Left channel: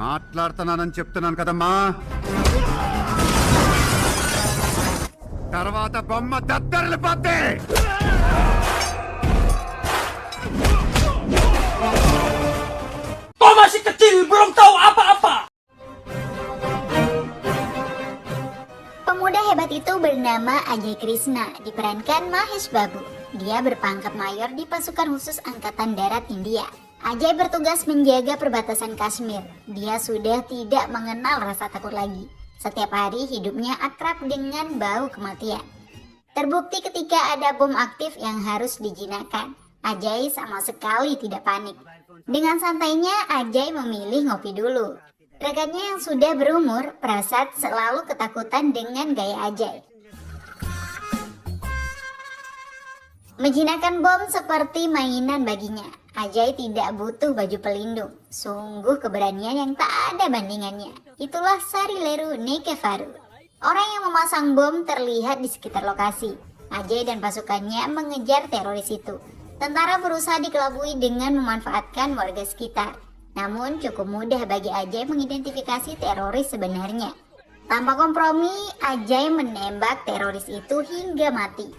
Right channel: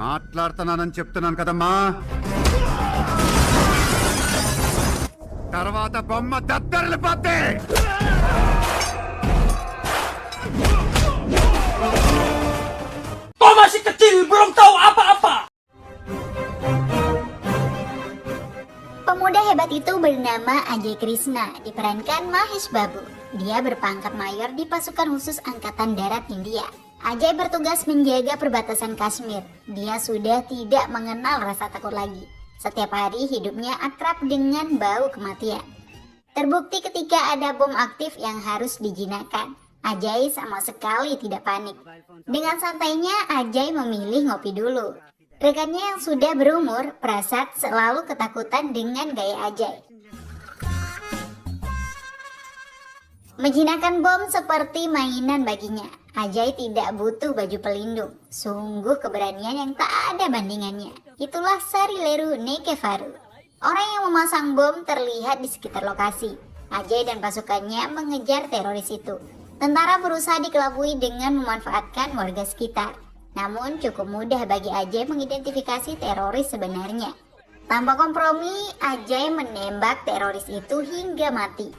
మాట్లాడుతున్నానని చెప్తున్నాను కదమ్మా. తర్వాత బొమ్మ దద్దరిల్లిపోద్ది. Kau masih kecil, belum tahu apa-apa. Pemuda hebat itu bernama Ajay Krishna, diperankan Mahesh Babu. Dia berpangkat mayor di pasukan khusus Angkatan Darat India. Ajay bertugas menjaga perbatasan Kashmir. Dia sudah tidak mengenal rasa takut lagi. Setiap hari hidupnya akrab dengan bau kematian. Terbukti ketika ada bom aktif yang harus dijinakkan, Ajay sama sekali tidak panik. Dengan santainya, Ajay memilih ngopi dulu. Rekannya yang sudah berumur, Prasad, selalu ketakutan dengan gaya Ajay. Menjinakkan bom seperti mainan baginya. Ajay tidak butuh baju pelindung. Sungguh keberanian yang tak ada bandingannya. Itulah Sarileru Nekevaru. Orang yang memasang bom terlihat di sekitar lokasi. Ajay dan pasukannya mengejar teroris itu. Tentara berusaha dikelabui dengan memanfaatkan warga sekitar. Namun cukup mudah bagi Ajay mengidentifikasi teroris sebenarnya. Tanpa kompromi, Ajay menembak teroris itu hingga mati.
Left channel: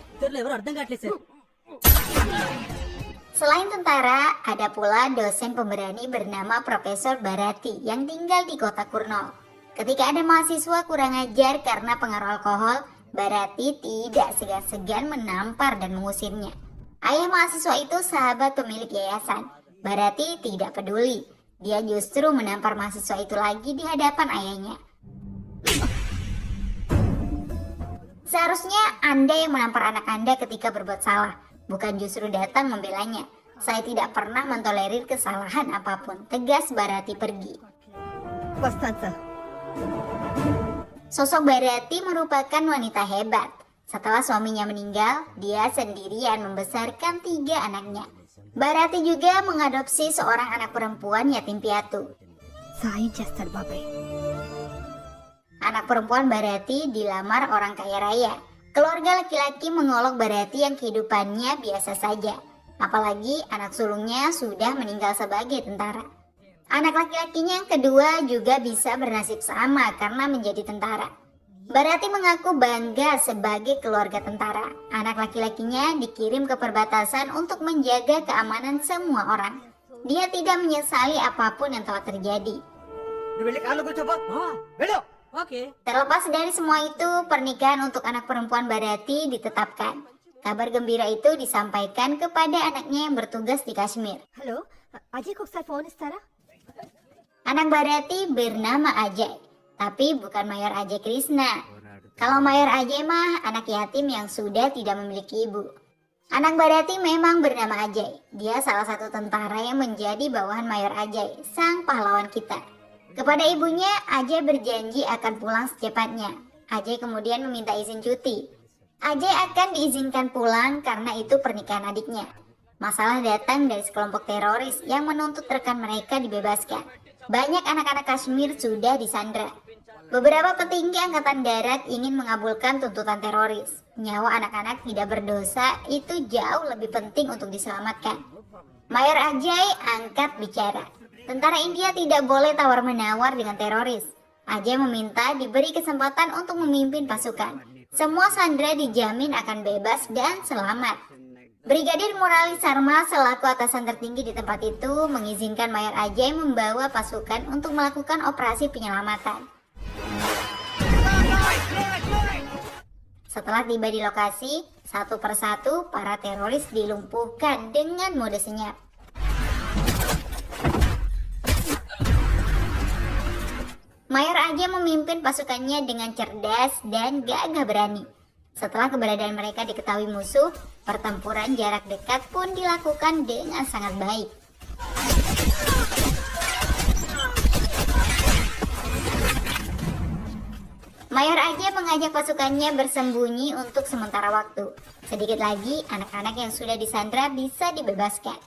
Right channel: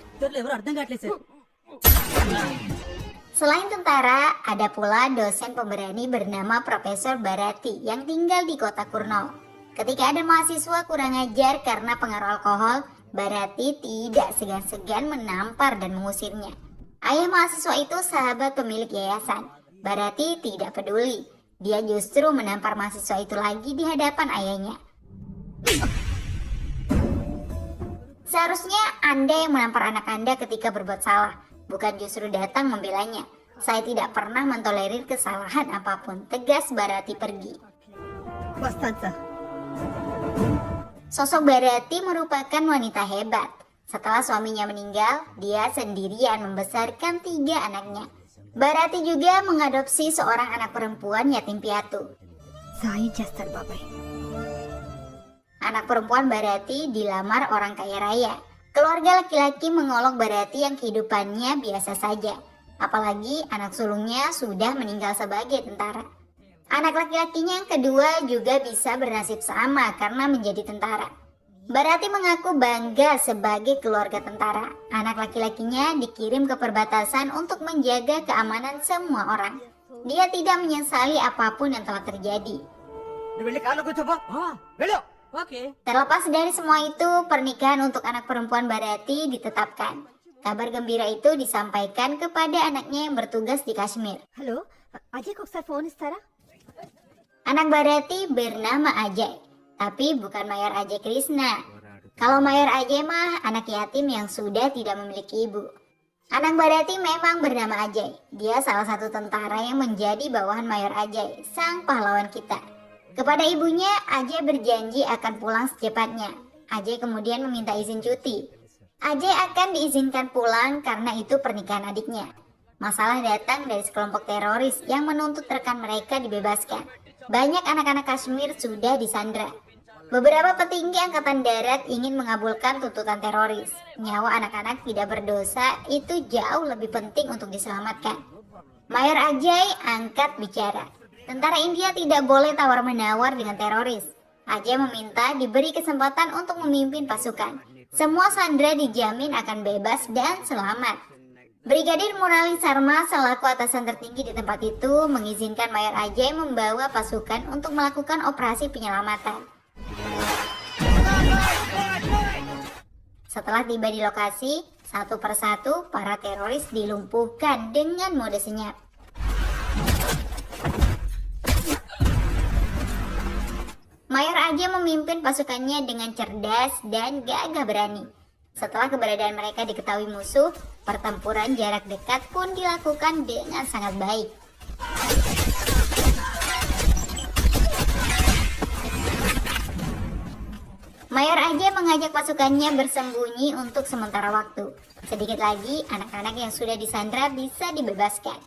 Selain tentara, ada pula dosen pemberani bernama Profesor Bharati yang tinggal di kota Kurnool. Ketika ada mahasiswa kurang ajar karena pengaruh alkohol, Bharati tidak segan-segan menampar dan mengusirnya. Ayah mahasiswa itu sahabat pemilik yayasan. Bharati tidak peduli. Dia justru menampar mahasiswa itu lagi di hadapan ayahnya. Seharusnya Anda yang menampar anak Anda ketika berbuat salah, bukan justru datang membelanya. Saya tidak pernah mentolerir kesalahan apapun. Tegas Bharati pergi. Sosok Bharati merupakan wanita hebat. Setelah suaminya meninggal, dia sendirian membesarkan 3 anaknya. Bharati juga mengadopsi seorang anak perempuan yatim piatu. Anak perempuan Bharati dilamar orang kaya raya. Keluarga laki-laki mengolok Bharati yang kehidupannya biasa saja. Apalagi anak sulungnya sudah meninggal sebagai tentara. Anak laki-lakinya yang kedua juga bisa bernasib sama karena menjadi tentara. Bharati mengaku bangga sebagai keluarga tentara. Anak laki-lakinya dikirim ke perbatasan untuk menjaga keamanan semua orang. Dia tidak menyesali apapun yang telah terjadi. Terlepas dari semua itu, pernikahan untuk anak perempuan Bharati ditetapkan. Kabar gembira itu disampaikan kepada anaknya yang bertugas di Kashmir. Halo, Ajay kok saya phone istara? Anak Bharati bernama Ajay, tapi bukan Mayor Ajay Krishna. Kalau Mayor Ajay mah anak yatim yang sudah tidak memiliki ibu. Anak Bharati memang bernama Ajay. Dia salah satu tentara yang menjadi bawahan Mayor Ajay, sang pahlawan kita. Kepada ibunya, Ajay berjanji akan pulang secepatnya. Ajay kemudian meminta izin cuti. Ajay akan diizinkan pulang karena itu pernikahan adiknya. Masalah datang dari sekelompok teroris yang menuntut rekan mereka dibebaskan. Banyak anak-anak Kashmir sudah disandra. Beberapa petinggi angkatan darat ingin mengabulkan tuntutan teroris. Nyawa anak-anak tidak berdosa itu jauh lebih penting untuk diselamatkan. Mayor Ajay angkat bicara. Tentara India tidak boleh tawar-menawar dengan teroris. Ajay meminta diberi kesempatan untuk memimpin pasukan. Semua sandera dijamin akan bebas dan selamat. Brigadir Murali Sharma selaku atasan tertinggi di tempat itu mengizinkan Mayor Ajay membawa pasukan untuk melakukan operasi penyelamatan. Setelah tiba di lokasi, satu persatu para teroris dilumpuhkan dengan mode senyap. Mayor Ajay memimpin pasukannya dengan cerdas dan gagah berani. Setelah keberadaan mereka diketahui musuh, pertempuran jarak dekat pun dilakukan dengan sangat baik. Mayor Ajay mengajak pasukannya bersembunyi untuk sementara waktu. Sedikit lagi, anak-anak yang sudah disandra bisa dibebaskan.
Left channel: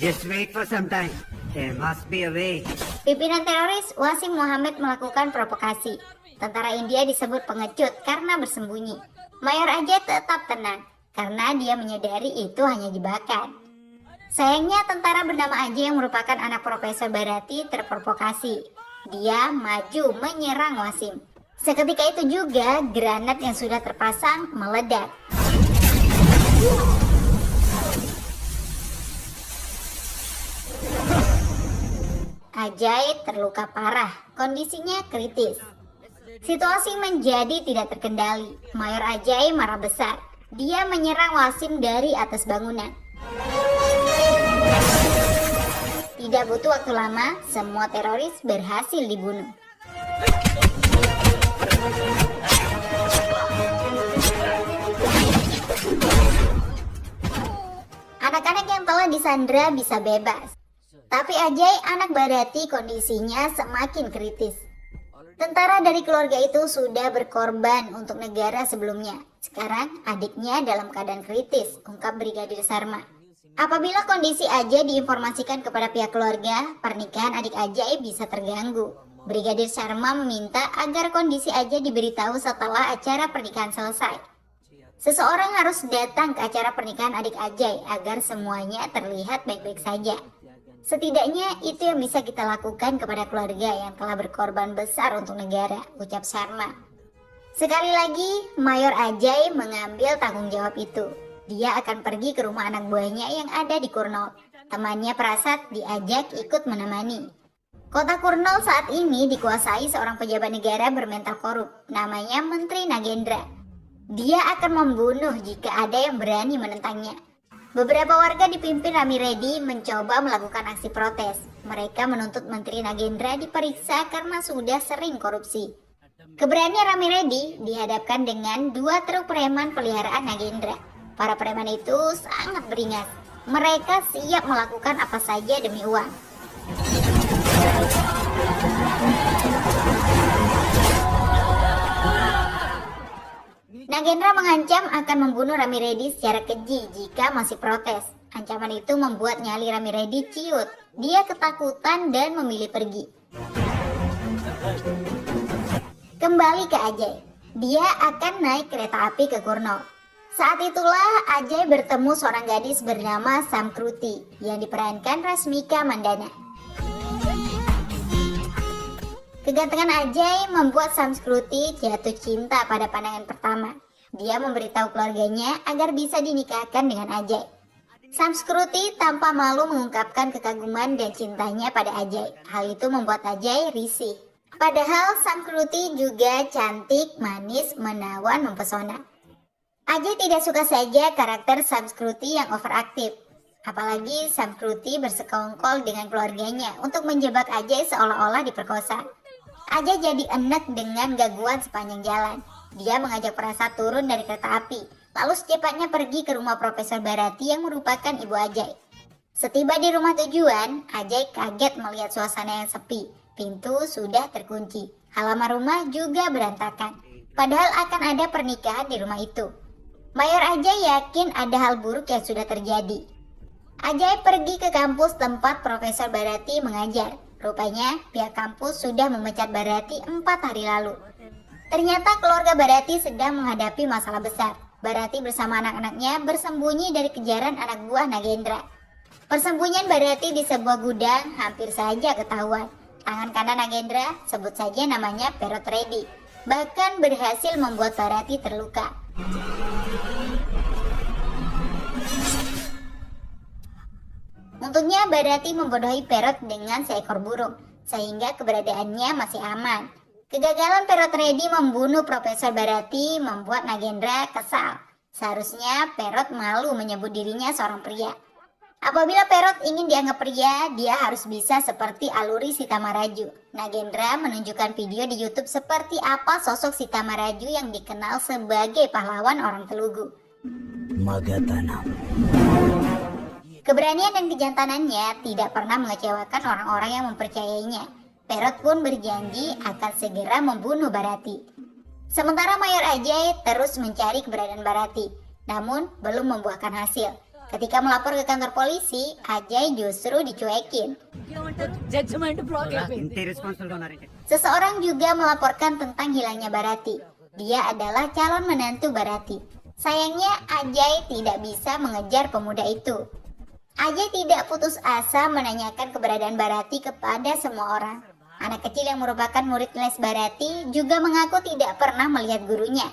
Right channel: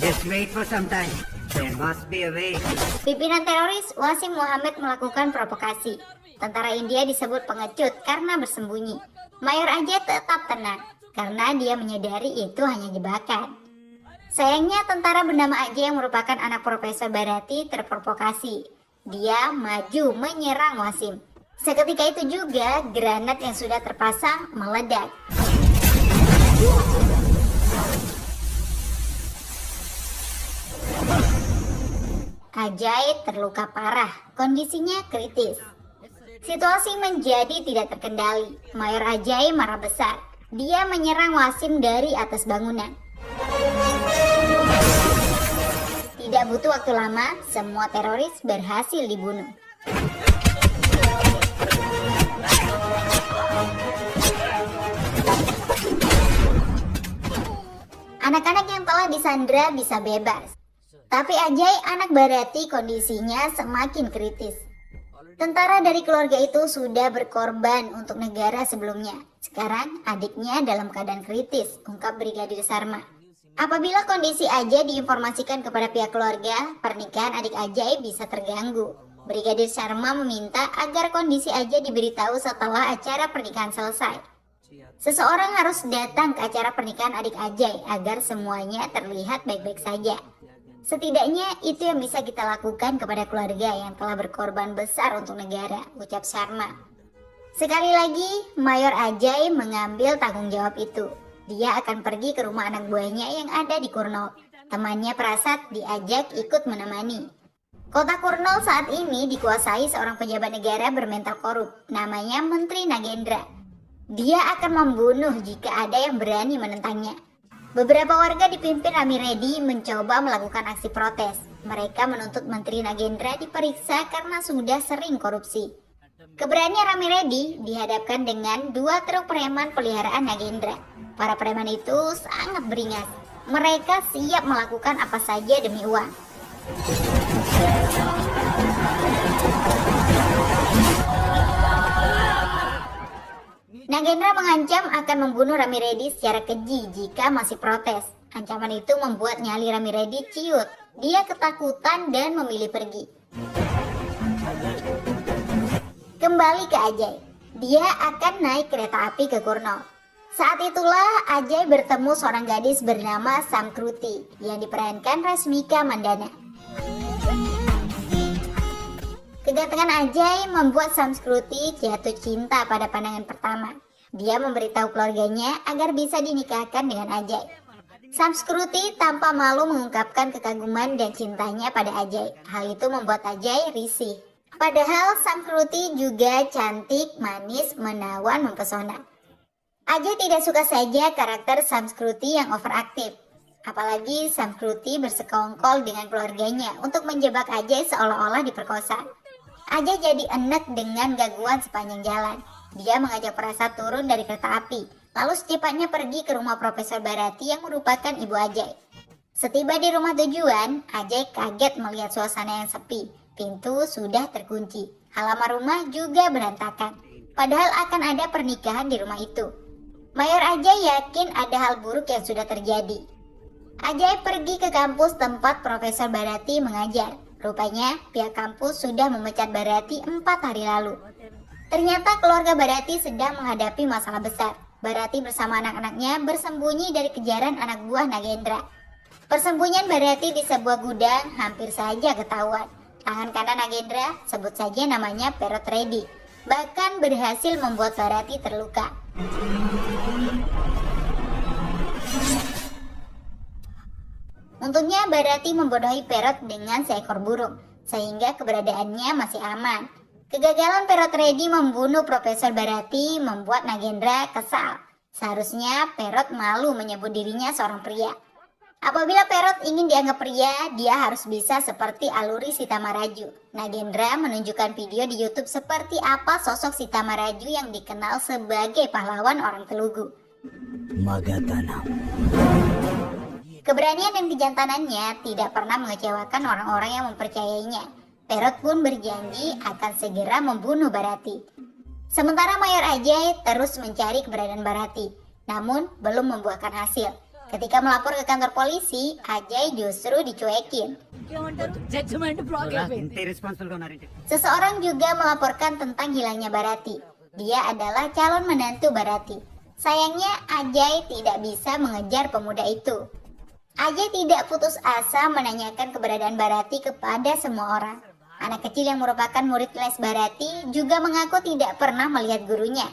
Just wait for some time. There must be a way. Pimpinan teroris Wasim Muhammad melakukan provokasi. Tentara India disebut pengecut karena bersembunyi. Mayor Ajay tetap tenang karena dia menyadari itu hanya jebakan. Sayangnya tentara bernama Ajay yang merupakan anak Profesor Barati terprovokasi. Dia maju menyerang Wasim. Seketika itu juga granat yang sudah terpasang meledak. Ajay terluka parah, kondisinya kritis. Situasi menjadi tidak terkendali. Mayor Ajay marah besar. Dia menyerang Wasim dari atas bangunan. Tidak butuh waktu lama, semua teroris berhasil dibunuh. Anak-anak yang telah disandra bisa bebas. Tapi Ajay, anak Barati, kondisinya semakin kritis. Tentara dari keluarga itu sudah berkorban untuk negara sebelumnya. Sekarang adiknya dalam keadaan kritis, ungkap Brigadir Sharma. Apabila kondisi Ajay diinformasikan kepada pihak keluarga, pernikahan adik Ajay bisa terganggu. Brigadir Sharma meminta agar kondisi Ajay diberitahu setelah acara pernikahan selesai. Seseorang harus datang ke acara pernikahan adik Ajay agar semuanya terlihat baik-baik saja. Setidaknya itu yang bisa kita lakukan kepada keluarga yang telah berkorban besar untuk negara, ucap Sharma. Sekali lagi, Mayor Ajay mengambil tanggung jawab itu. Dia akan pergi ke rumah anak buahnya yang ada di Kurnool. Temannya Prasad diajak ikut menemani. Kota Kurnool saat ini dikuasai seorang pejabat negara bermental korup, namanya Menteri Nagendra. Dia akan membunuh jika ada yang berani menentangnya. Beberapa warga dipimpin Rami Reddy mencoba melakukan aksi protes. Mereka menuntut Menteri Nagendra diperiksa karena sudah sering korupsi. Keberanian Rami Reddy dihadapkan dengan 2 truk preman peliharaan Nagendra. Para preman itu sangat beringas. Mereka siap melakukan apa saja demi uang. Nagendra mengancam akan membunuh Rami Reddy secara keji jika masih protes. Ancaman itu membuat nyali Rami Reddy ciut. Dia ketakutan dan memilih pergi. Kembali ke Ajay. Dia akan naik kereta api ke Kurnool. Saat itulah Ajay bertemu seorang gadis bernama Samkruti yang diperankan Rasmika Mandana. Kegantengan Ajay membuat Samskruti jatuh cinta pada pandangan pertama. Dia memberitahu keluarganya agar bisa dinikahkan dengan Ajay. Samskruti tanpa malu mengungkapkan kekaguman dan cintanya pada Ajay. Hal itu membuat Ajay risih. Padahal Samskruti juga cantik, manis, menawan, mempesona. Ajay tidak suka saja karakter Samskruti yang overaktif. Apalagi Samskruti bersekongkol dengan keluarganya untuk menjebak Ajay seolah-olah diperkosa. Ajay jadi enek dengan gangguan sepanjang jalan. Dia mengajak Prasad turun dari kereta api, lalu secepatnya pergi ke rumah Profesor Barati yang merupakan ibu Ajay. Setiba di rumah tujuan, Ajay kaget melihat suasana yang sepi. Pintu sudah terkunci, halaman rumah juga berantakan. Padahal akan ada pernikahan di rumah itu. Mayor Ajay yakin ada hal buruk yang sudah terjadi. Ajay pergi ke kampus tempat Profesor Barati mengajar. Rupanya pihak kampus sudah memecat Barati 4 hari lalu. Ternyata keluarga Barati sedang menghadapi masalah besar. Barati bersama anak-anaknya bersembunyi dari kejaran anak buah Nagendra. Persembunyian Barati di sebuah gudang hampir saja ketahuan. Tangan kanan Nagendra, sebut saja namanya Perot Reddy, bahkan berhasil membuat Barati terluka. Untungnya Barati membodohi Perot dengan seekor burung, sehingga keberadaannya masih aman. Kegagalan Perot Reddy membunuh Profesor Barati membuat Nagendra kesal. Seharusnya Perot malu menyebut dirinya seorang pria. Apabila Perot ingin dianggap pria, dia harus bisa seperti Aluri Sita Maraju. Nagendra menunjukkan video di YouTube seperti apa sosok Sita Maraju yang dikenal sebagai pahlawan orang Telugu. Magatanam. Keberanian dan kejantanannya tidak pernah mengecewakan orang-orang yang mempercayainya. Perot pun berjanji akan segera membunuh Barati. Sementara Mayor Ajay terus mencari keberadaan Barati, namun belum membuahkan hasil. Ketika melapor ke kantor polisi, Ajay justru dicuekin. ఇంతే రెస్పాన్సిబుల్ గా ఉన్నారంటే Seseorang juga melaporkan tentang hilangnya Barati. Dia adalah calon menantu Barati. Sayangnya Ajay tidak bisa mengejar pemuda itu. Ajay tidak putus asa menanyakan keberadaan Bharati kepada semua orang. Anak kecil yang merupakan murid les Bharati juga mengaku tidak pernah melihat gurunya.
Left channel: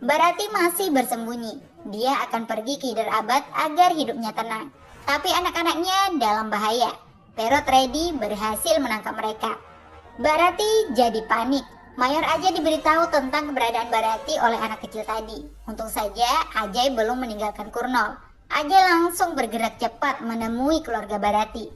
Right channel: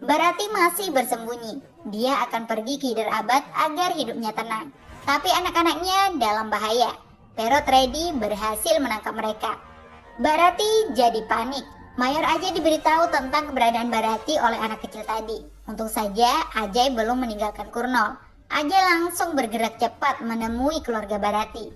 Bharati masih bersembunyi. Dia akan pergi ke Hyderabad agar hidupnya tenang. Tapi anak-anaknya dalam bahaya. Perot Reddy berhasil menangkap mereka. Bharati jadi panik. Mayor Ajay diberitahu tentang keberadaan Bharati oleh anak kecil tadi. Untung saja Ajay belum meninggalkan Kurnol. Ajay langsung bergerak cepat menemui keluarga Bharati.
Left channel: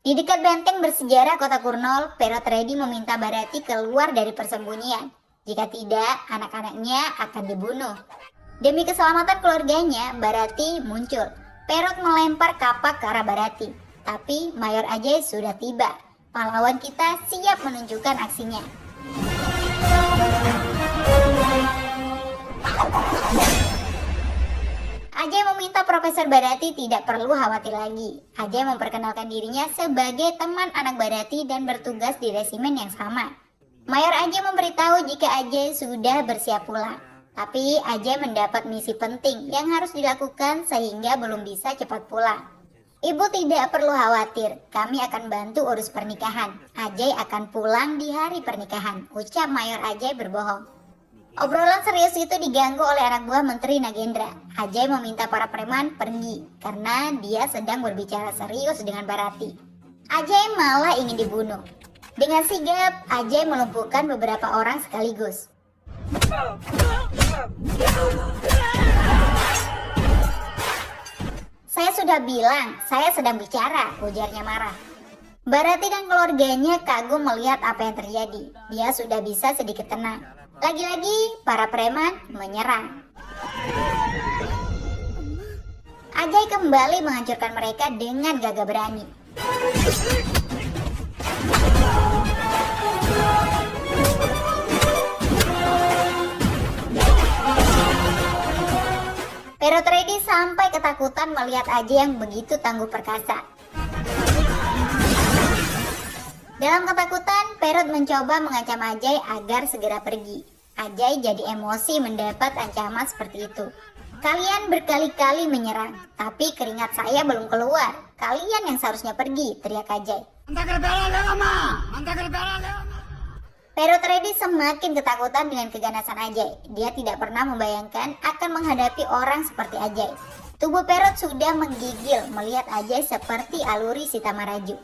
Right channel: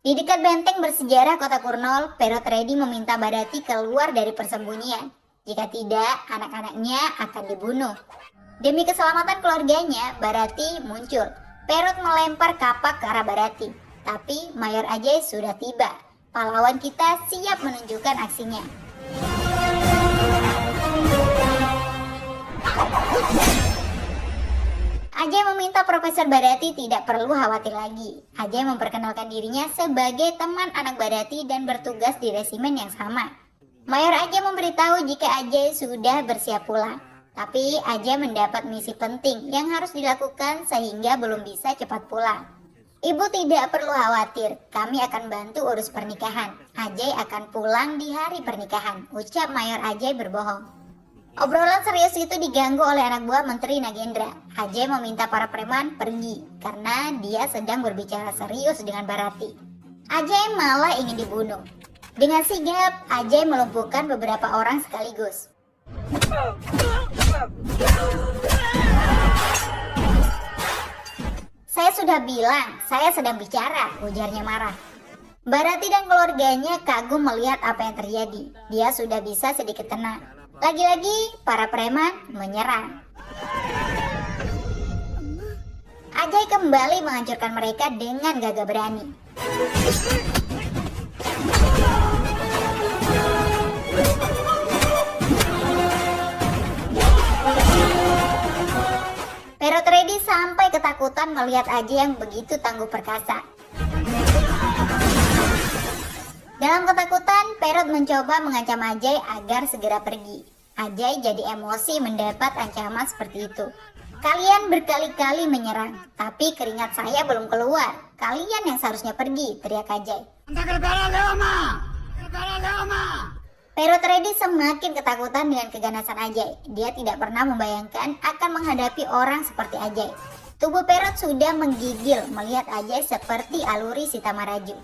Di dekat benteng bersejarah kota Kurnol, Perot Reddy meminta Bharati keluar dari persembunyian. Jika tidak, anak-anaknya akan dibunuh. Demi keselamatan keluarganya, Bharati muncul. Perot melempar kapak ke arah Bharati. Tapi Mayor Ajay sudah tiba. Pahlawan kita siap menunjukkan aksinya. Ajay meminta Profesor Bharati tidak perlu khawatir lagi. Ajay memperkenalkan dirinya sebagai teman anak Bharati dan bertugas di resimen yang sama. Mayor Ajay memberitahu jika Ajay sudah bersiap pulang. Tapi Ajay mendapat misi penting yang harus dilakukan sehingga belum bisa cepat pulang. Ibu tidak perlu khawatir, kami akan bantu urus pernikahan. Ajay akan pulang di hari pernikahan, ucap Mayor Ajay berbohong. Obrolan serius itu diganggu oleh anak buah Menteri Nagendra. Ajay meminta para preman pergi karena dia sedang berbicara serius dengan Bharati. Ajay malah ingin dibunuh. Dengan sigap, Ajay melumpuhkan beberapa orang sekaligus. Saya sudah bilang, saya sedang bicara, ujarnya marah. Bharati dan keluarganya kagum melihat apa yang terjadi. Dia sudah bisa sedikit tenang. Lagi-lagi, para preman menyerang. Ajay kembali menghancurkan mereka dengan gagah berani. Perot Reddy sampai ketakutan melihat Ajay yang begitu tangguh perkasa. Dalam ketakutan, Perot mencoba mengancam Ajay agar segera pergi. Ajay jadi emosi mendapat ancaman seperti itu. Kalian berkali-kali menyerang, tapi keringat saya belum keluar. Kalian yang seharusnya pergi, teriak Ajay. Perot Reddy semakin ketakutan dengan keganasan Ajay. Dia tidak pernah membayangkan akan menghadapi orang seperti Ajay. Tubuh Perot sudah menggigil melihat Ajay seperti aluri Sita Maraju.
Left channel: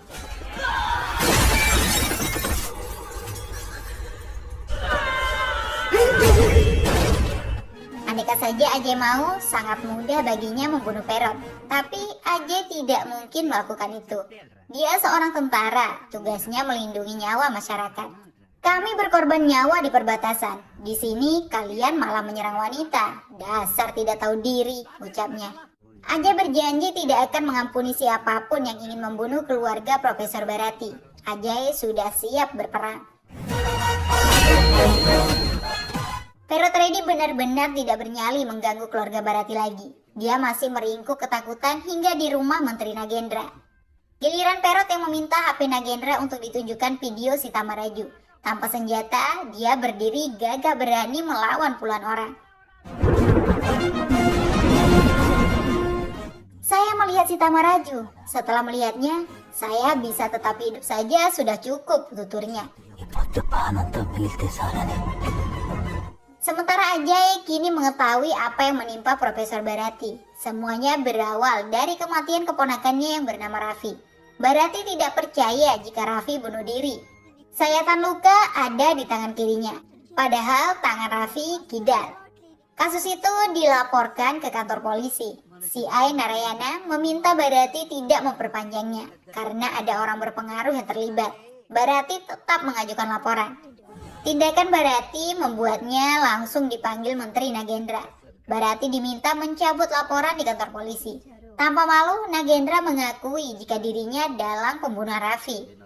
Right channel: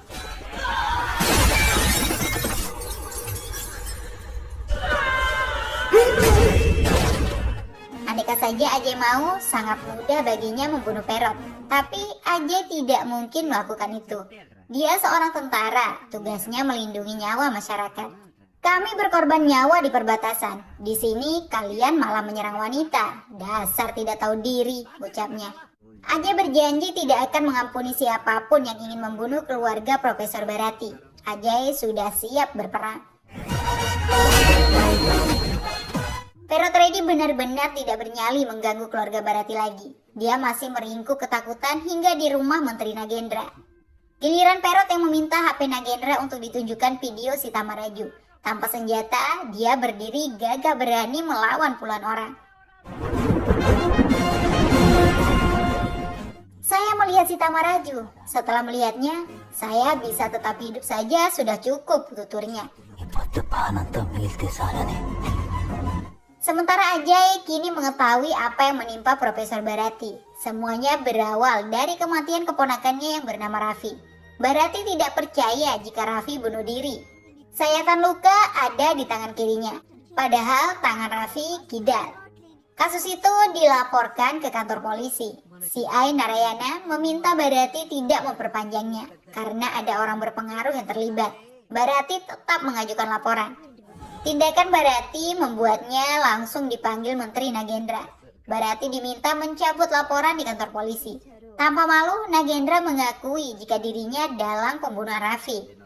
Andaikan saja Ajay mau, sangat mudah baginya membunuh Perot. Tapi Ajay tidak mungkin melakukan itu. Dia seorang tentara, tugasnya melindungi nyawa masyarakat. Kami berkorban nyawa di perbatasan. Di sini kalian malah menyerang wanita. Dasar tidak tahu diri, ucapnya. Ajay berjanji tidak akan mengampuni siapapun yang ingin membunuh keluarga Profesor Bharati. Ajay sudah siap berperang. Perot Reddy benar-benar tidak bernyali mengganggu keluarga Bharati lagi. Dia masih meringkuk ketakutan hingga di rumah Menteri Nagendra. Giliran Perot yang meminta HP Nagendra untuk ditunjukkan video Sita Maraju. Tanpa senjata, dia berdiri gagah berani melawan puluhan orang. Saya melihat Sita Maraju. Setelah melihatnya, saya bisa tetap hidup saja sudah cukup, tuturnya. Sementara Ajay kini mengetahui apa yang menimpa Profesor Bharati. Semuanya berawal dari kematian keponakannya yang bernama Raffi. Bharati tidak percaya jika Raffi bunuh diri. Sayatan luka ada di tangan kirinya, padahal tangan Raffi kidal. Kasus itu dilaporkan ke kantor polisi. CI Narayana meminta Bharati tidak memperpanjangnya karena ada orang berpengaruh yang terlibat. Bharati tetap mengajukan laporan. Tindakan Bharati membuatnya langsung dipanggil Menteri Nagendra. Bharati diminta mencabut laporan di kantor polisi. Tanpa malu, Nagendra mengakui jika dirinya dalam pembunuhan Raffi.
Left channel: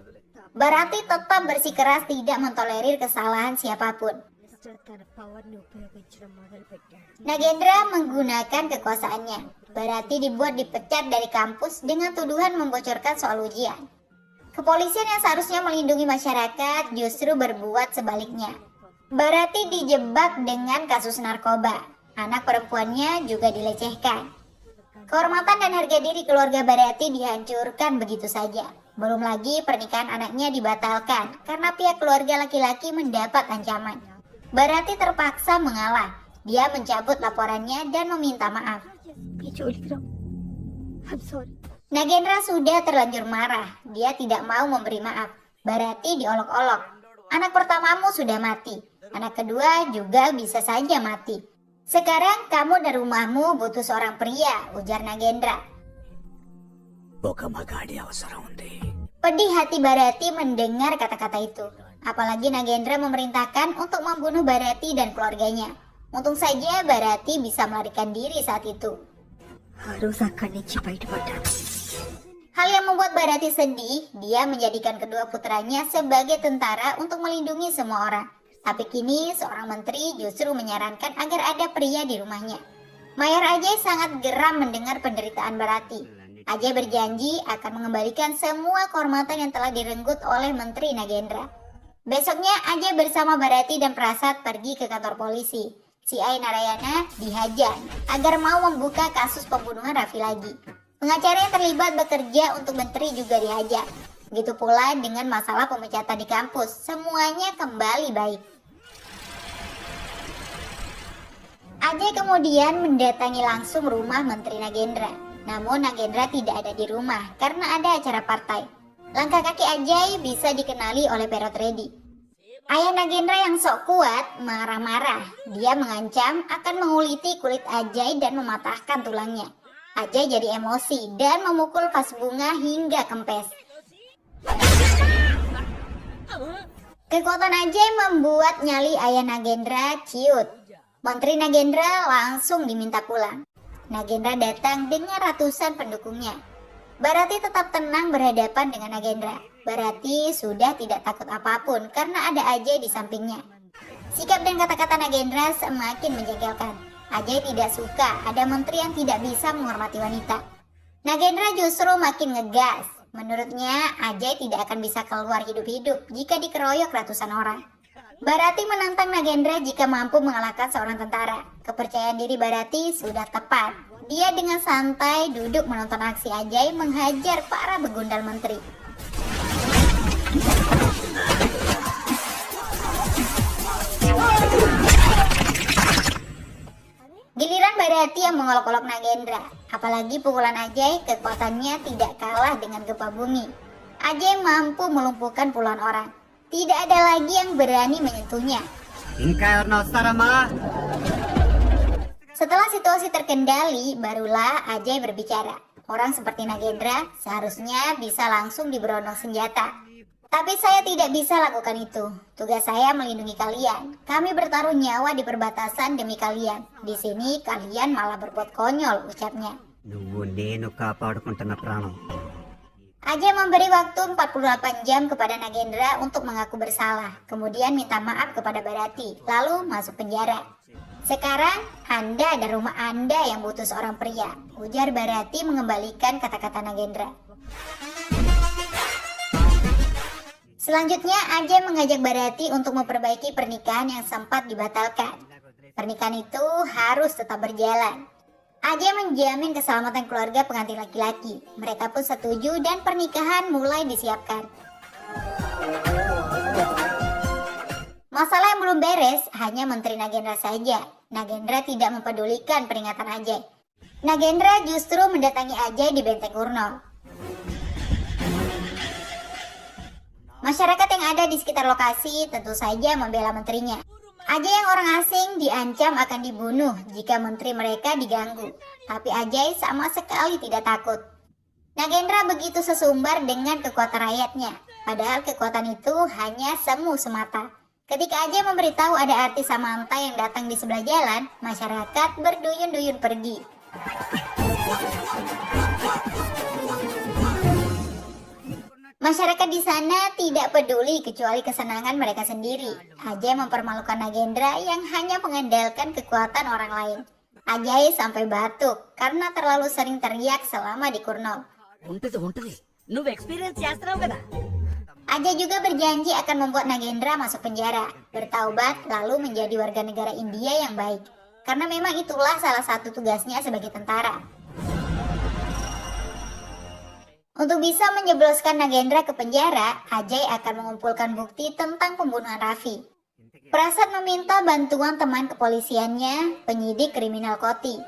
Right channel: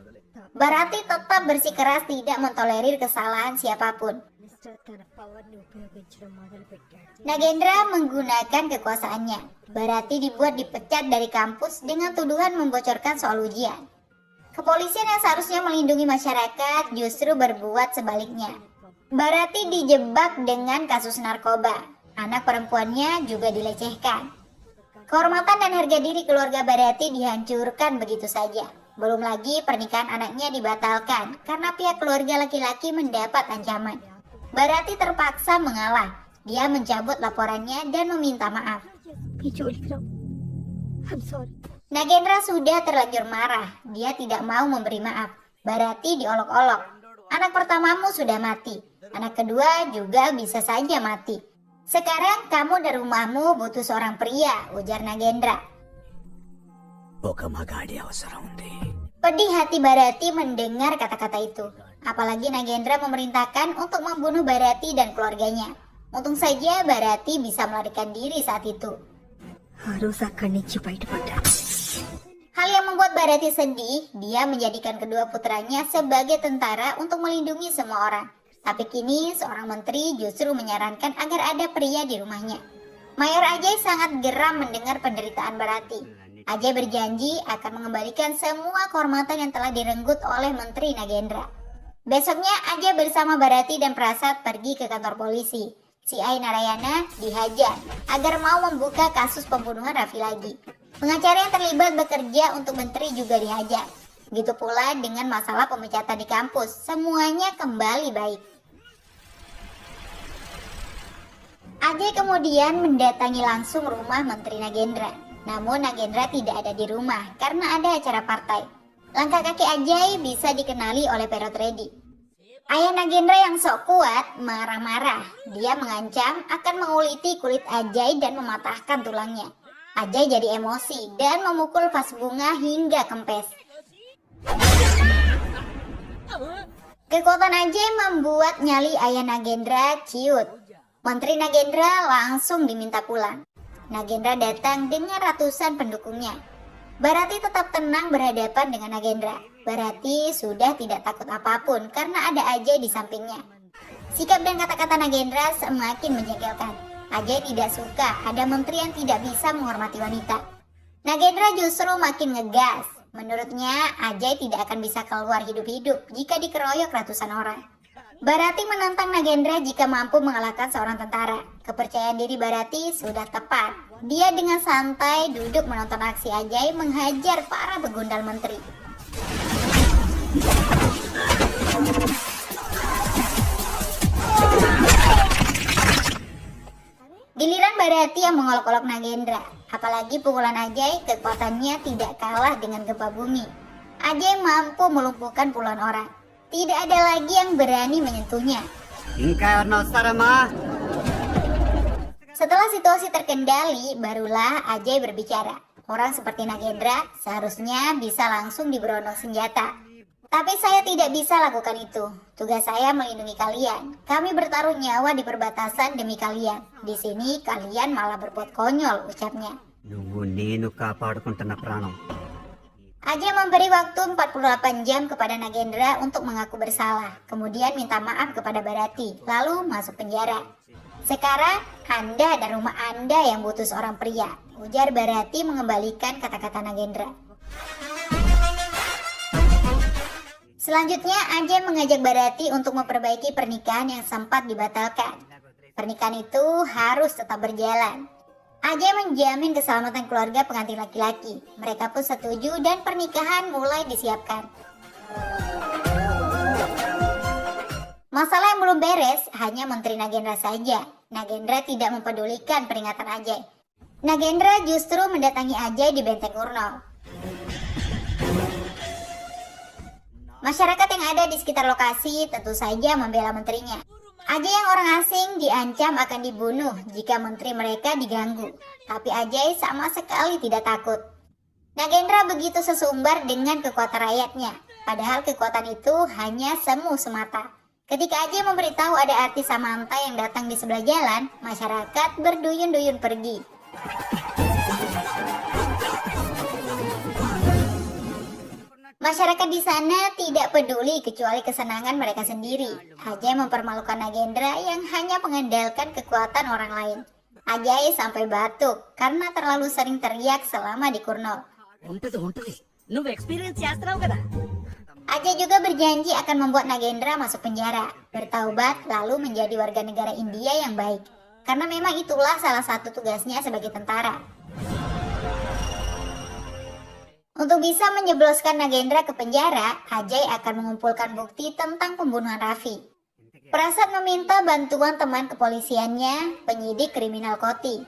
Bharati tetap bersikeras tidak mentolerir kesalahan siapapun. Nagendra menggunakan kekuasaannya. Bharati dibuat dipecat dari kampus dengan tuduhan membocorkan soal ujian. Kepolisian yang seharusnya melindungi masyarakat justru berbuat sebaliknya. Bharati dijebak dengan kasus narkoba. Anak perempuannya juga dilecehkan. Kehormatan dan harga diri keluarga Barati dihancurkan begitu saja. Belum lagi pernikahan anaknya dibatalkan karena pihak keluarga laki-laki mendapat ancaman. Barati terpaksa mengalah. Dia mencabut laporannya dan meminta maaf. I'm sorry. Nagendra sudah terlanjur marah. Dia tidak mau memberi maaf. Barati diolok-olok. Anak pertamamu sudah mati. Anak kedua juga bisa saja mati. Sekarang kamu dan rumahmu butuh seorang pria, ujar Nagendra. ఒక మగాడి అవసరం ఉంది. Pedih hati Barati mendengar kata-kata itu. Apalagi Nagendra memerintahkan untuk membunuh Barati dan keluarganya. Untung saja Barati bisa melarikan diri saat itu. ఆ రోజు అక్కడి నుంచి బయటపడ్డా. Hal yang membuat Barati sedih, dia menjadikan kedua putranya sebagai tentara untuk melindungi semua orang. Tapi kini seorang menteri justru menyarankan agar ada pria di rumahnya. Mayor Ajay sangat geram mendengar penderitaan Barati. Ajay berjanji akan mengembalikan semua kehormatan yang telah direnggut oleh Menteri Nagendra. Besoknya Ajay bersama Barati dan Prasad pergi ke kantor polisi. Si Ai Narayana dihajar agar mau membuka kasus pembunuhan Raffi lagi. Pengacara yang terlibat bekerja untuk menteri juga dihajar. Begitu pula dengan masalah pemecatan di kampus, semuanya kembali baik. Ajay kemudian mendatangi langsung rumah Menteri Nagendra. Namun Nagendra tidak ada di rumah karena ada acara partai. Langkah kaki Ajay bisa dikenali oleh Perot Reddy. Ayah Nagendra yang sok kuat marah-marah. Dia mengancam akan menguliti kulit Ajay dan mematahkan tulangnya. Ajay jadi emosi dan memukul vas bunga hingga kempes. Kekuatan Ajay membuat nyali ayah Nagendra ciut. Menteri Nagendra langsung diminta pulang. Nagendra datang dengan ratusan pendukungnya. Barati tetap tenang berhadapan dengan Nagendra. Barati sudah tidak takut apapun karena ada Ajay di sampingnya. Sikap dan kata-kata Nagendra semakin menjengkelkan. Ajay tidak suka ada menteri yang tidak bisa menghormati wanita. Nagendra justru makin ngegas. Menurutnya Ajay tidak akan bisa keluar hidup-hidup jika dikeroyok ratusan orang. Barati menantang Nagendra jika mampu mengalahkan seorang tentara. Kepercayaan diri Barati sudah tepat. Dia dengan santai duduk menonton aksi Ajay menghajar para begundal menteri. Giliran Barati yang mengolok-olok Nagendra. Apalagi pukulan Ajay kekuatannya tidak kalah dengan gempa bumi. Ajay mampu melumpuhkan puluhan orang. Tidak ada lagi yang berani menyentuhnya. ఇంకా ఎవరిని వస్తారమ్మా? Setelah situasi terkendali, barulah Ajay berbicara. Orang seperti Nagendra seharusnya bisa langsung diberondong senjata. Tapi saya tidak bisa lakukan itu. Tugas saya melindungi kalian. Kami bertaruh nyawa di perbatasan demi kalian. Di sini kalian malah berbuat konyol, ucapnya. నువ్వు నేను కాపాడుకుంటున్న ప్రాణం. Ajay memberi waktu 48 jam kepada Nagendra untuk mengaku bersalah. Kemudian minta maaf kepada Barati, lalu masuk penjara. Sekarang Anda dan rumah Anda yang butuh seorang pria, ujar Barati mengembalikan kata-kata Nagendra. Selanjutnya Ajay mengajak Barati untuk memperbaiki pernikahan yang sempat dibatalkan. Pernikahan itu harus tetap berjalan. Ajay menjamin keselamatan keluarga pengantin laki-laki. Mereka pun setuju dan pernikahan mulai disiapkan. Masalah yang belum beres hanya Menteri Nagendra saja. Nagendra tidak mempedulikan peringatan Ajay. Nagendra justru mendatangi Ajay di Benteng Kurnol. Masyarakat yang ada di sekitar lokasi tentu saja membela menterinya. Ajay yang orang asing diancam akan dibunuh jika menteri mereka diganggu. Tapi Ajay sama sekali tidak takut. Nagendra begitu sesumbar dengan kekuatan rakyatnya. Padahal kekuatan itu hanya semu semata. Ketika Ajay memberitahu ada artis Samantha yang datang di sebelah jalan, masyarakat berduyun-duyun pergi. Masyarakat di sana tidak peduli kecuali kesenangan mereka sendiri. Ajay mempermalukan Nagendra yang hanya mengandalkan kekuatan orang lain. Ajay sampai batuk karena terlalu sering teriak selama di Kurnol. నువ్వు ఎక్స్పీరియన్స్ చేస్తున్నావు కదా. Ajay juga berjanji akan membuat Nagendra masuk penjara, bertaubat lalu menjadi warga negara India yang baik. karena memang itulah salah satu tugasnya sebagai tentara. Untuk bisa menjebloskan Nagendra ke penjara, Ajay akan mengumpulkan bukti tentang pembunuhan Raffi. Prasad meminta bantuan teman kepolisiannya, penyidik kriminal Koti.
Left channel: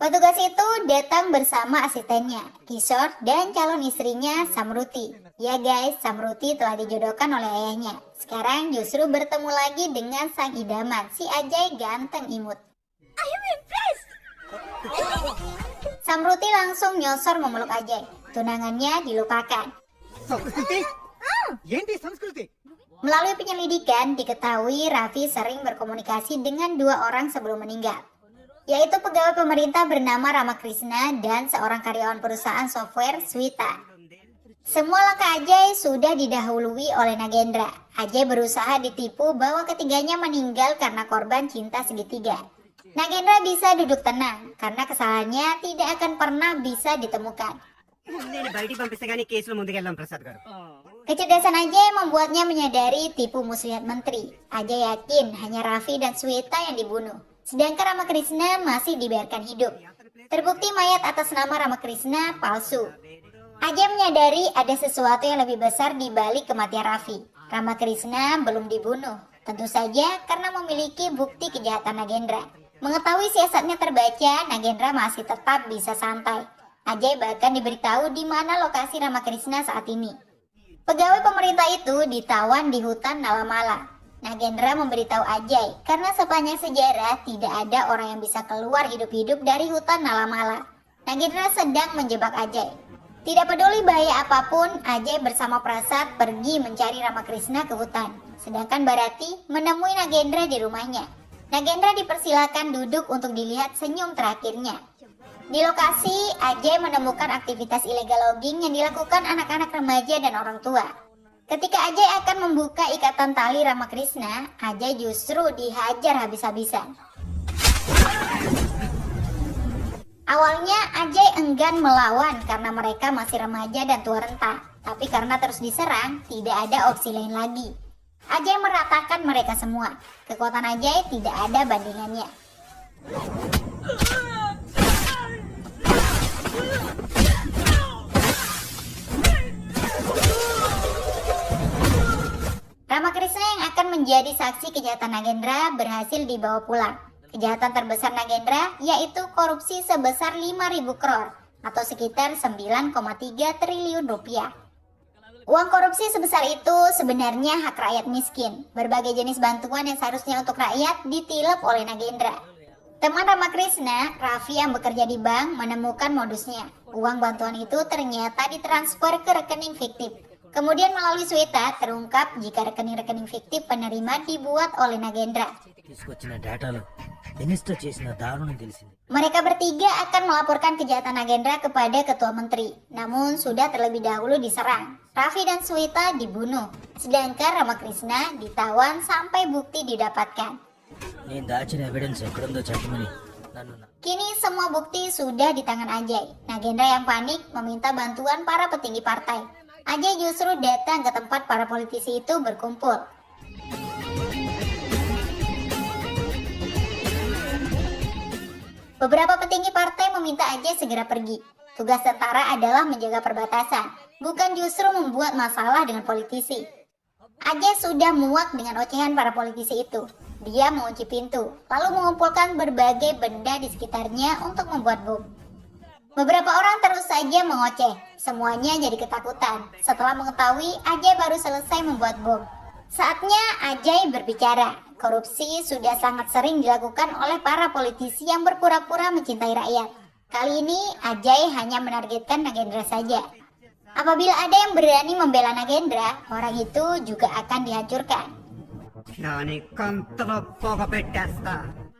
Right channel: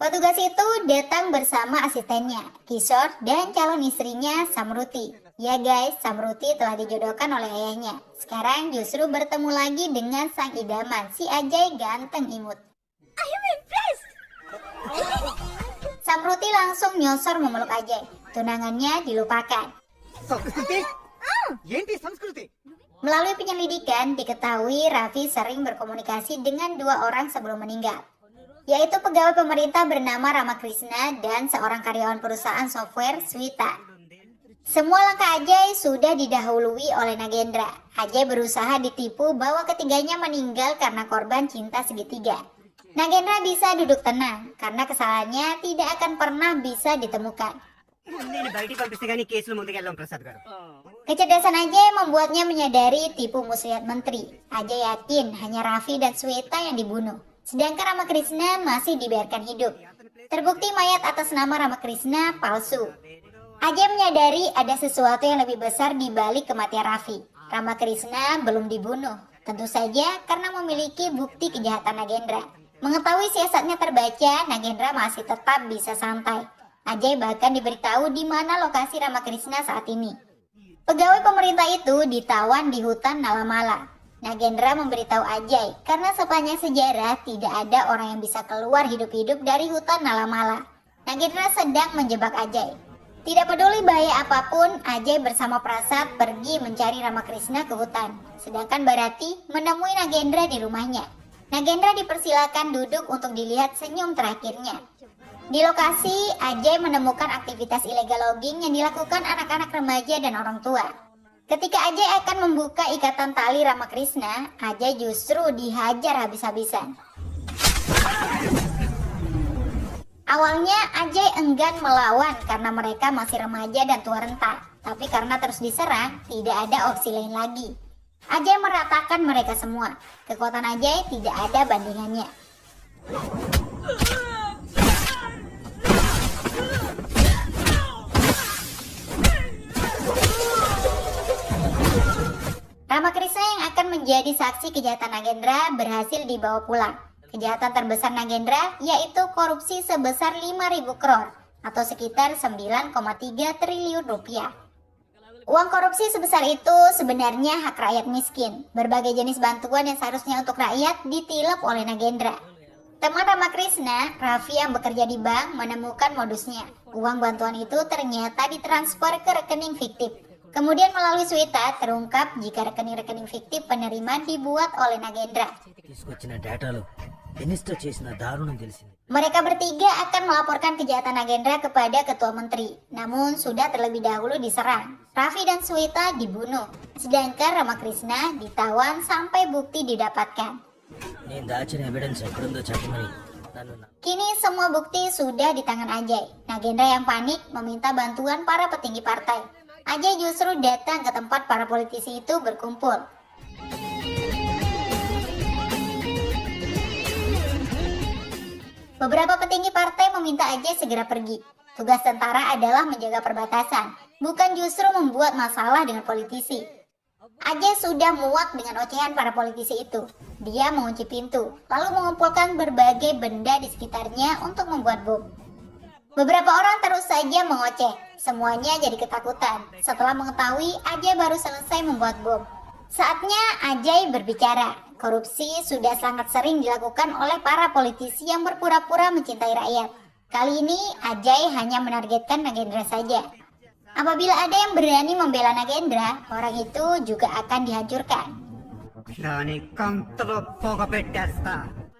Petugas itu datang bersama asistennya, Kishore, dan calon istrinya, Samruti. Ya guys, Samruti telah dijodohkan oleh ayahnya. Sekarang justru bertemu lagi dengan sang idaman, si Ajay ganteng imut. Samruti langsung nyosor memeluk Ajay. Tunangannya dilupakan. Melalui penyelidikan, diketahui Raffi sering berkomunikasi dengan dua orang sebelum meninggal, yaitu pegawai pemerintah bernama Ramakrishna dan seorang karyawan perusahaan software, Swita. Semua langkah Ajay sudah didahului oleh Nagendra. Ajay berusaha ditipu bahwa ketiganya meninggal karena korban cinta segitiga. Nagendra bisa duduk tenang karena kesalahannya tidak akan pernah bisa ditemukan. Kecerdasan Ajay membuatnya menyadari tipu muslihat menteri. Ajay yakin hanya Raffi dan Sweta yang dibunuh, sedangkan Ramakrishna masih dibiarkan hidup. Terbukti mayat atas nama Ramakrishna palsu. Ajay menyadari ada sesuatu yang lebih besar di balik kematian Raffi. Ramakrishna belum dibunuh, tentu saja karena memiliki bukti kejahatan Nagendra. Mengetahui siasatnya terbaca, Nagendra masih tetap bisa santai. Ajay bahkan diberitahu di mana lokasi Ramakrishna saat ini. Pegawai pemerintah itu ditawan di hutan Nalamala. Nagendra memberitahu Ajay karena sepanjang sejarah tidak ada orang yang bisa keluar hidup-hidup dari hutan Nalamala. Nagendra sedang menjebak Ajay. Tidak peduli bahaya apapun, Ajay bersama Prasad pergi mencari Ramakrishna ke hutan. Sedangkan Bharati menemui Nagendra di rumahnya. Nagendra dipersilakan duduk untuk dilihat senyum terakhirnya. Di lokasi, Ajay menemukan aktivitas ilegal logging yang dilakukan anak-anak remaja dan orang tua. Ketika Ajay akan membuka ikatan tali Ramakrishna, Ajay justru dihajar habis-habisan. Awalnya Ajay enggan melawan karena mereka masih remaja dan tua renta. Tapi karena terus diserang, tidak ada opsi lain lagi. Ajay meratakan mereka semua. Kekuatan Ajay tidak ada bandingannya. Ramakrishna yang akan menjadi saksi kejahatan Nagendra berhasil dibawa pulang. Kejahatan terbesar Nagendra yaitu korupsi sebesar 5.000 crore atau sekitar 9,3 triliun rupiah. Uang korupsi sebesar itu sebenarnya hak rakyat miskin. Berbagai jenis bantuan yang seharusnya untuk rakyat ditilap oleh Nagendra. Teman Ramakrishna, Raffi yang bekerja di bank, menemukan modusnya. Uang bantuan itu ternyata ditransfer ke rekening fiktif. Kemudian melalui Sweta terungkap jika rekening-rekening fiktif penerima dibuat oleh Nagendra. Mereka bertiga akan melaporkan kejahatan Nagendra kepada ketua menteri. Namun sudah terlebih dahulu diserang. Raffi dan Sweta dibunuh. Sedangkan Ramakrishna ditawan sampai bukti didapatkan. Kini semua bukti sudah di tangan Ajay. Nagendra yang panik meminta bantuan para petinggi partai. Ajay justru datang ke tempat para politisi itu berkumpul. Beberapa petinggi partai meminta Ajay segera pergi. Tugas tentara adalah menjaga perbatasan, bukan justru membuat masalah dengan politisi. Ajay sudah muak dengan ocehan para politisi itu. Dia mengunci pintu, lalu mengumpulkan berbagai benda di sekitarnya untuk membuat bom. Beberapa orang terus saja mengoceh. Semuanya jadi ketakutan setelah mengetahui Ajay baru selesai membuat bom. Saatnya Ajay berbicara. Korupsi sudah sangat sering dilakukan oleh para politisi yang berpura-pura mencintai rakyat. Kali ini Ajay hanya menargetkan Nagendra saja. Apabila ada yang berani membela Nagendra, orang itu juga akan dihancurkan.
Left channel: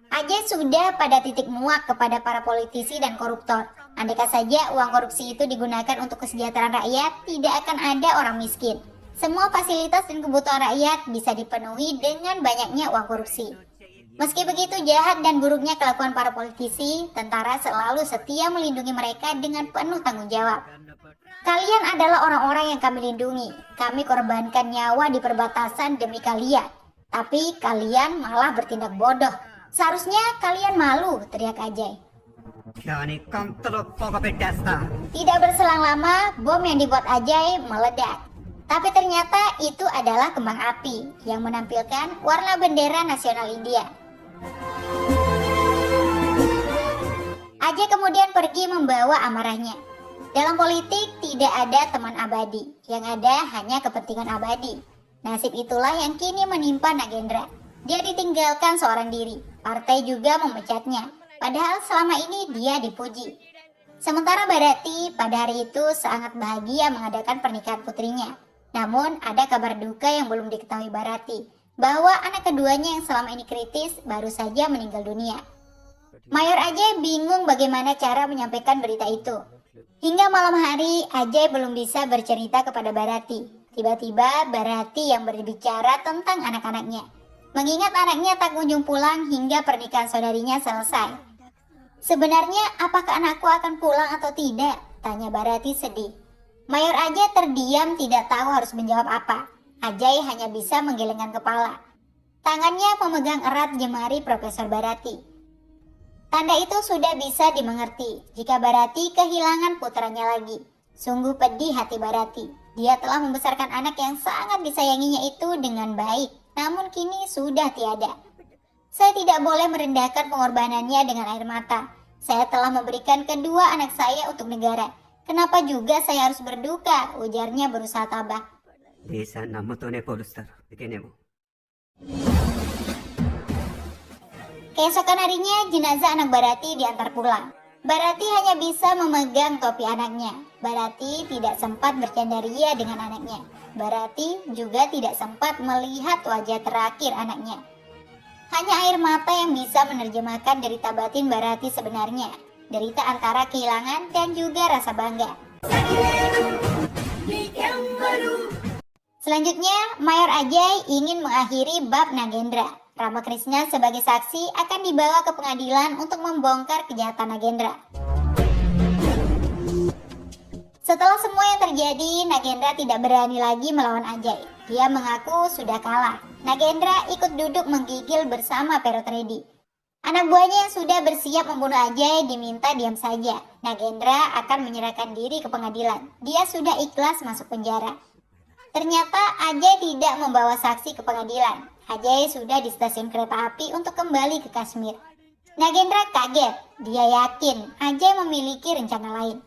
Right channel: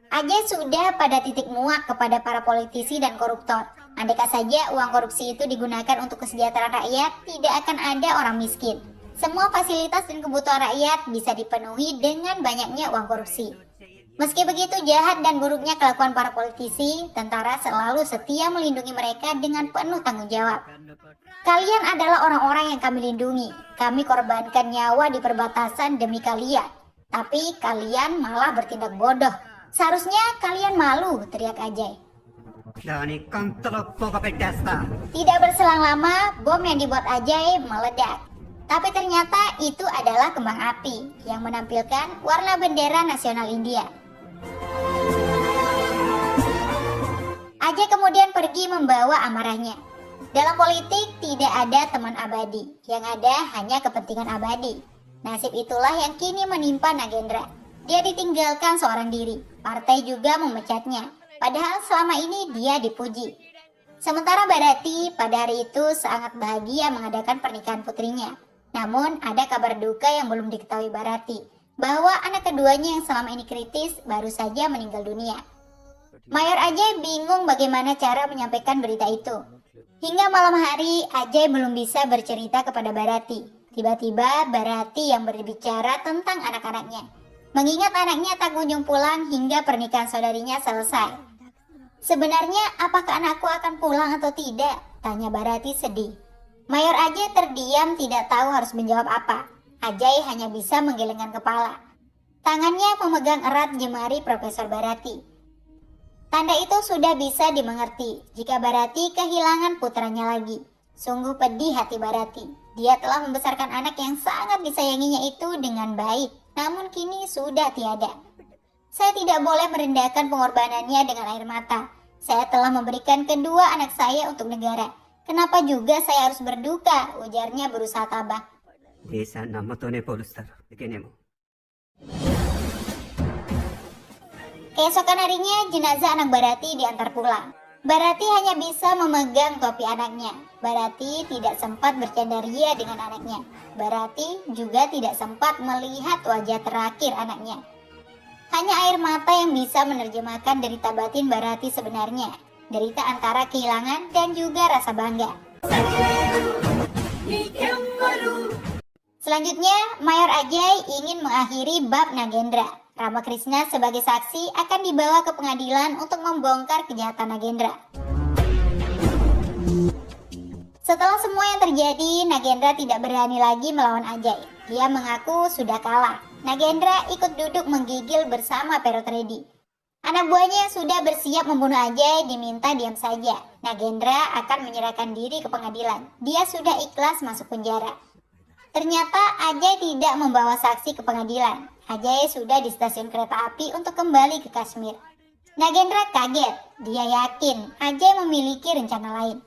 Ajay sudah pada titik muak kepada para politisi dan koruptor. Andaikan saja uang korupsi itu digunakan untuk kesejahteraan rakyat, tidak akan ada orang miskin. Semua fasilitas dan kebutuhan rakyat bisa dipenuhi dengan banyaknya uang korupsi. Meski begitu jahat dan buruknya kelakuan para politisi, tentara selalu setia melindungi mereka dengan penuh tanggung jawab. Kalian adalah orang-orang yang kami lindungi. Kami korbankan nyawa di perbatasan demi kalian. Tapi kalian malah bertindak bodoh. Seharusnya kalian malu, teriak Ajay. Kyani kantalo toga petasta. Tidak berselang lama, bom yang dibuat Ajay meledak. Tapi ternyata itu adalah kembang api yang menampilkan warna bendera nasional India. Ajay kemudian pergi membawa amarahnya. Dalam politik tidak ada teman abadi, yang ada hanya kepentingan abadi. Nasib itulah yang kini menimpa Nagendra. Dia ditinggalkan seorang diri, partai juga memecatnya. Padahal selama ini dia dipuji. Sementara Bharati pada hari itu sangat bahagia mengadakan pernikahan putrinya. Namun ada kabar duka yang belum diketahui Bharati, bahwa anak keduanya yang selama ini kritis baru saja meninggal dunia. Mayor Ajay bingung bagaimana cara menyampaikan berita itu. Hingga malam hari Ajay belum bisa bercerita kepada Bharati. Tiba-tiba Bharati yang berbicara tentang anak-anaknya. Mengingat anaknya tak kunjung pulang hingga pernikahan saudarinya selesai. Sebenarnya apakah anakku akan pulang atau tidak? Tanya Bharati sedih. Mayor Ajay terdiam tidak tahu harus menjawab apa. Ajay hanya bisa menggelengkan kepala. Tangannya memegang erat jemari Profesor Bharati. Tanda itu sudah bisa dimengerti jika Bharati kehilangan putranya lagi. Sungguh pedih hati Bharati. Dia telah membesarkan anak yang sangat disayanginya itu dengan baik. Namun kini sudah tiada. Saya tidak boleh merendahkan pengorbanannya dengan air mata. Saya telah memberikan kedua anak saya untuk negara. Kenapa juga saya harus berduka? Ujarnya berusaha tabah. Desa namotone polstar. Bikinemu. Keesokan harinya jenazah anak Bharati diantar pulang. Bharati hanya bisa memegang topi anaknya. Bharati tidak sempat bercandaria dengan anaknya. Bharati juga tidak sempat melihat wajah terakhir anaknya. Hanya air mata yang bisa menerjemahkan derita batin Bharati sebenarnya. Derita antara kehilangan dan juga rasa bangga. Selanjutnya, Mayor Ajay ingin mengakhiri bab Nagendra. Ramakrishna sebagai saksi akan dibawa ke pengadilan untuk membongkar kejahatan Nagendra. Setelah semua yang terjadi, Nagendra tidak berani lagi melawan Ajay. Dia mengaku sudah kalah. Nagendra ikut duduk menggigil bersama Perotredi. Anak buahnya yang sudah bersiap membunuh Ajay diminta diam saja. Nagendra akan menyerahkan diri ke pengadilan. Dia sudah ikhlas masuk penjara. Ternyata Ajay tidak membawa saksi ke pengadilan. Ajay sudah di stasiun kereta api untuk kembali ke Kashmir. Nagendra kaget. Dia yakin Ajay memiliki rencana lain.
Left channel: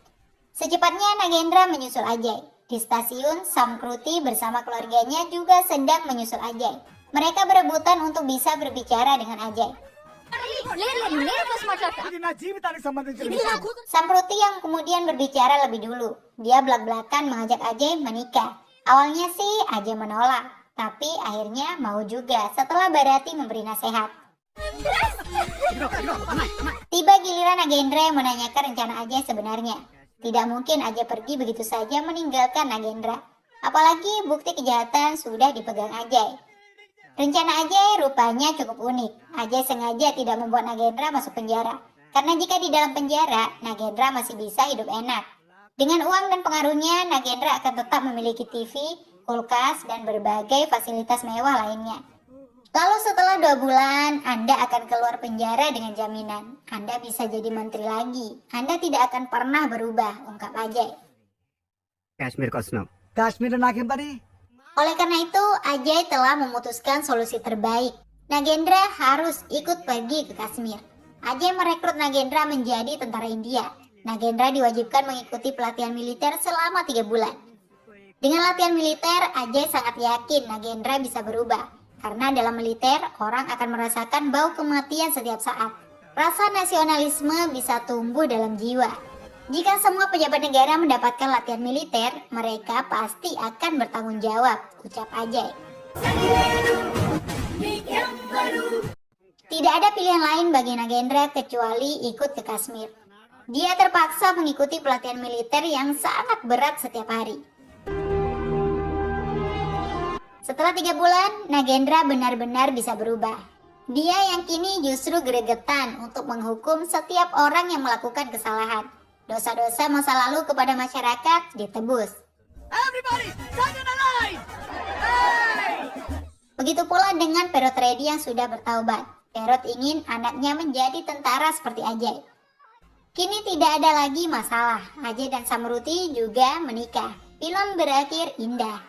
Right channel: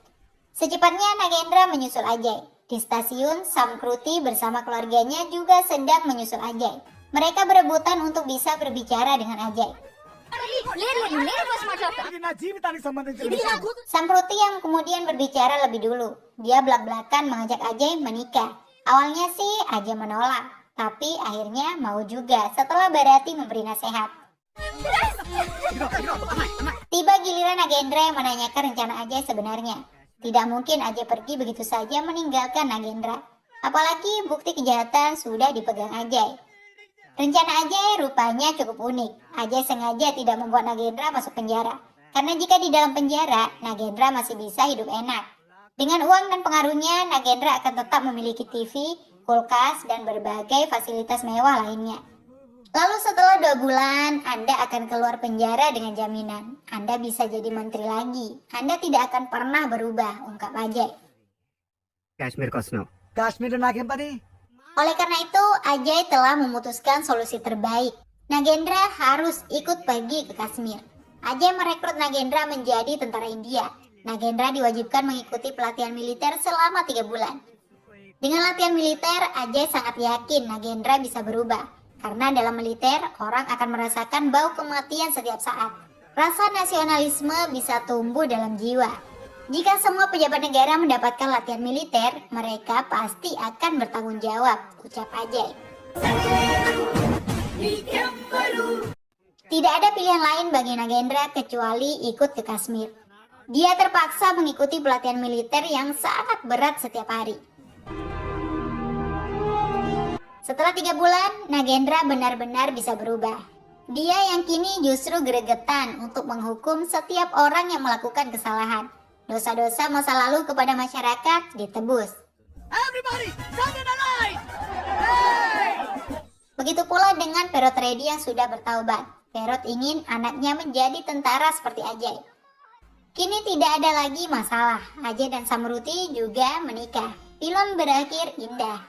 Secepatnya Nagendra menyusul Ajay. Di stasiun, Samkruti bersama keluarganya juga sedang menyusul Ajay. Mereka berebutan untuk bisa berbicara dengan Ajay. Samkruti yang kemudian berbicara lebih dulu. Dia belak-belakan mengajak Ajay menikah. Awalnya sih Ajay menolak, tapi akhirnya mau juga setelah Bharati memberi nasihat. Tiba giliran Nagendra yang menanyakan rencana Ajay sebenarnya. Tidak mungkin Ajay pergi begitu saja meninggalkan Nagendra. Apalagi bukti kejahatan sudah dipegang Ajay. Rencana Ajay rupanya cukup unik. Ajay sengaja tidak membuat Nagendra masuk penjara. Karena jika di dalam penjara, Nagendra masih bisa hidup enak. Dengan uang dan pengaruhnya, Nagendra akan tetap memiliki TV, kulkas, dan berbagai fasilitas mewah lainnya. Lalu setelah 2 bulan, Anda akan keluar penjara dengan jaminan. Anda bisa jadi menteri lagi. Anda tidak akan pernah berubah, ungkap Ajay. Kashmir Kosno. Kashmir nakempani. Oleh karena itu, Ajay telah memutuskan solusi terbaik. Nagendra harus ikut pergi ke Kashmir. Ajay merekrut Nagendra menjadi tentara India. Nagendra diwajibkan mengikuti pelatihan militer selama 3 bulan. Dengan latihan militer, Ajay sangat yakin Nagendra bisa berubah. Karena dalam militer, orang akan merasakan bau kematian setiap saat. Rasa nasionalisme bisa tumbuh dalam jiwa. Jika semua pejabat negara mendapatkan latihan militer, mereka pasti akan bertanggung jawab, ucap Ajay. Tidak ada pilihan lain bagi Nagendra kecuali ikut ke Kashmir. Dia terpaksa mengikuti pelatihan militer yang sangat berat setiap hari. Setelah 3 bulan, Nagendra benar-benar bisa berubah. Dia yang kini justru gregetan untuk menghukum setiap orang yang melakukan kesalahan. Dosa-dosa masa lalu kepada masyarakat ditebus. Begitu pula dengan Perotredi yang sudah bertaubat. Perot ingin anaknya menjadi tentara seperti Ajay. Kini tidak ada lagi masalah. Ajay dan Samruti juga menikah. Film berakhir indah.